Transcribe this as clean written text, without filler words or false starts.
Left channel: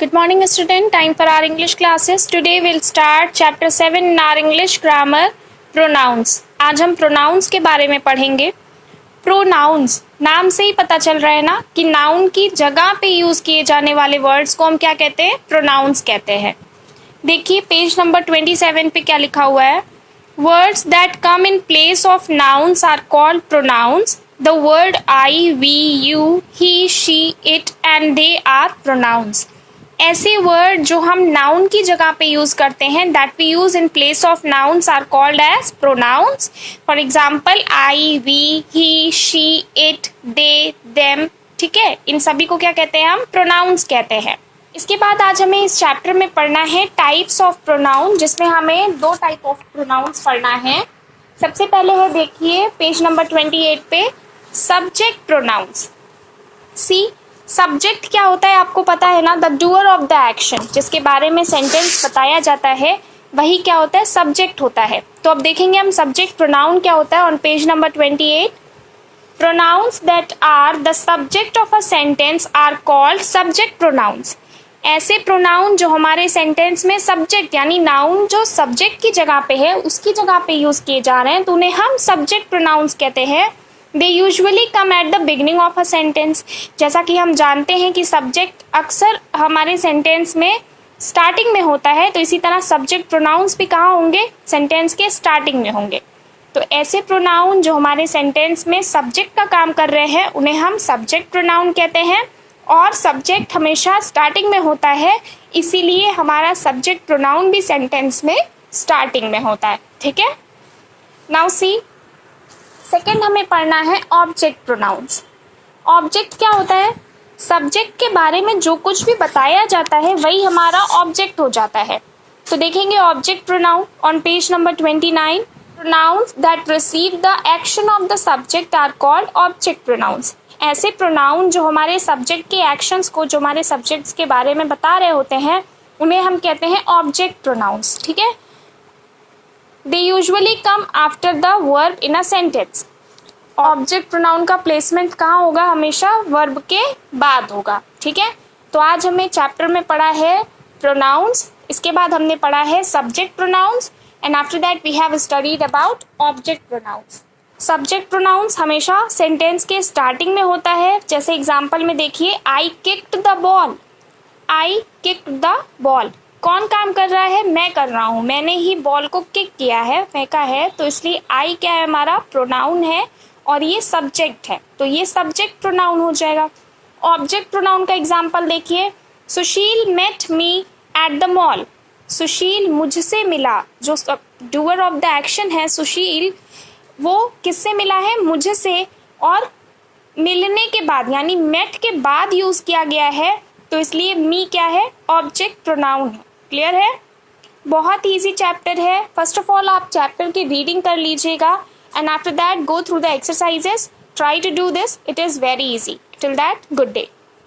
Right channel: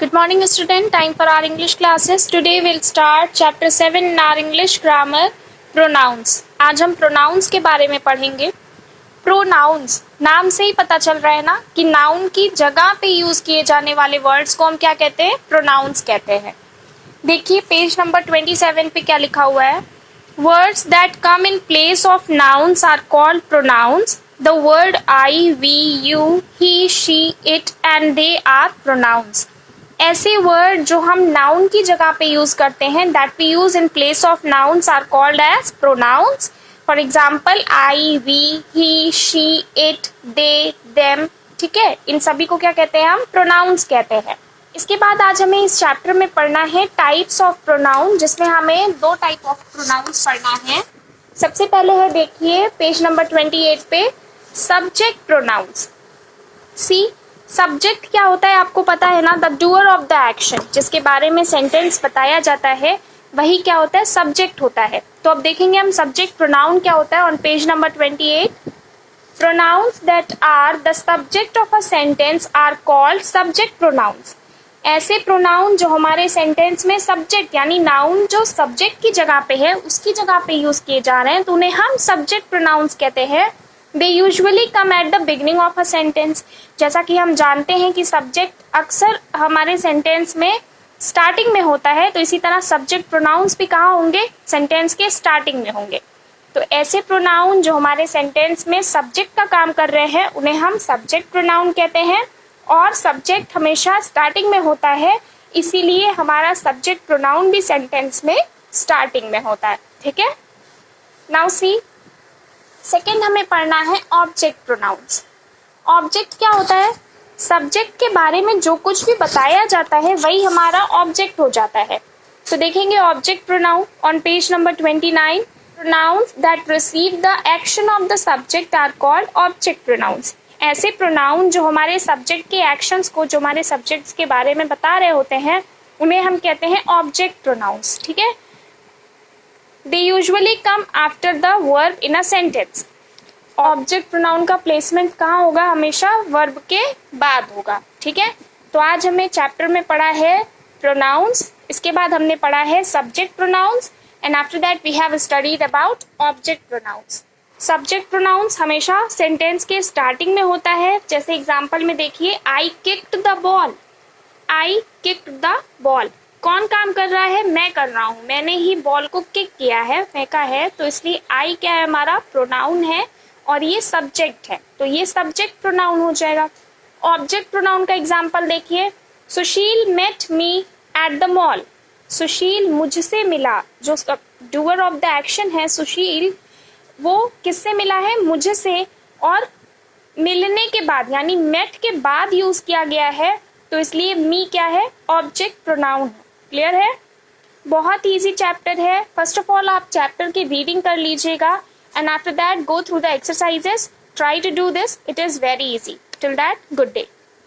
Good morning student, time for our English classes. Today we'll start chapter 7 in our English grammar, pronouns. आज हम pronouns के बारे में पढ़ेंगे. Pronouns नाम से ही पता चल रहा है ना कि नाउन की जगह पे यूज किए जाने वाले वर्ड्स को हम क्या कहते हैं, pronouns कहते हैं. देखिए पेज नंबर 27 पे क्या लिखा हुआ है. Words that come in place of nouns are called pronouns. The word I, we, you, he, she, it and they are pronouns. ऐसे वर्ड जो हम नाउन की जगह पे यूज करते हैं, that we use in place of nouns are called as pronouns. For example I, we, he, she, it, they, them. ठीक है, इन सभी को क्या कहते हैं, हम प्रोनाउंस कहते हैं. इसके बाद आज हमें इस चैप्टर में पढ़ना है टाइप्स ऑफ प्रोनाउन, जिसमें हमें दो टाइप ऑफ प्रोनाउंस पढ़ना है. सबसे पहले है देखिए पेज नंबर 28 पे सब्जेक्ट प्रोनाउंस. सी सब्जेक्ट क्या होता है आपको पता है ना, the doer of the action, जिसके बारे में सेंटेंस बताया जाता है वही क्या होता है, सब्जेक्ट होता है. तो अब देखेंगे हम सब्जेक्ट प्रोनाउन क्या होता है on page number 28. Pronouns that are the subject of a sentence are called subject pronouns. ऐसे प्रोनाउन जो हमारे सेंटेंस में सब्जेक्ट यानी नाउन जो सब्जेक्ट की जगह पे है उसकी जगह पे यूज किए जा रहे हैं तो उन्हें हम सब्जेक्ट प्रोनाउंस कहते हैं. They usually come at the beginning of a sentence. जैसा कि हम जानते हैं कि सब्जेक्ट अक्सर हमारे सेंटेंस में स्टार्टिंग में होता है, तो इसी तरह सब्जेक्ट प्रोनाउंस भी कहाँ होंगे, सेंटेंस के स्टार्टिंग में होंगे. तो ऐसे प्रोनाउन जो हमारे सेंटेंस में सब्जेक्ट का काम कर रहे हैं उन्हें हम सब्जेक्ट प्रोनाउन कहते हैं. और सब्जेक्ट हमेशा स्टार्टिंग में होता है, इसीलिए हमारा सब्जेक्ट प्रोनाउन भी सेंटेंस में स्टार्टिंग में होता है. ठीक है, नाउ सी सेकेंड हमें पढ़ना है ऑब्जेक्ट प्रोनाउंस. ऑब्जेक्ट क्या होता है, सब्जेक्ट के बारे में जो कुछ भी बताया जाता है वही हमारा ऑब्जेक्ट हो जाता है. तो देखेंगे object pronoun on page number 29. Pronouns that receive the action of the subject are called object pronouns. ऐसे प्रोनाउन जो हमारे सब्जेक्ट के एक्शंस को, जो हमारे सब्जेक्ट्स के बारे में बता रहे होते हैं, उन्हें हम कहते हैं ऑब्जेक्ट प्रोनाउंस. ठीक है, They usually come after the verb in a sentence. Object pronoun का प्लेसमेंट कहाँ होगा, हमेशा वर्ब के बाद होगा. ठीक है, तो आज हमें चैप्टर में पढ़ा है प्रोनाउंस, इसके बाद हमने पढ़ा है subject pronouns and after that we have studied about object pronouns. Subject pronouns हमेशा सेंटेंस के स्टार्टिंग में होता है. जैसे एग्जाम्पल में देखिए I kicked the ball. I kicked the ball, कौन काम कर रहा है, मैं कर रहा हूँ, मैंने ही बॉल को किक किया है, फेंका है, तो इसलिए आई क्या है, हमारा प्रोनाउन है और ये सब्जेक्ट है, तो ये सब्जेक्ट प्रोनाउन हो जाएगा. ऑब्जेक्ट प्रोनाउन का एग्जांपल देखिए, Sushil met me at the mall. Sushil मुझसे मिला, जो डूअर ऑफ द एक्शन है सुशील, वो किससे मिला है, मुझे से, और मिलने के बाद यानी मेट के बाद यूज किया गया है, तो इसलिए मी क्या है, ऑब्जेक्ट प्रोनाउन है. क्लियर है, बहुत इजी चैप्टर है. फर्स्ट ऑफ ऑल आप चैप्टर की रीडिंग कर लीजिएगा and after that go through the exercises. Try to do this, it is very easy. Till that good day.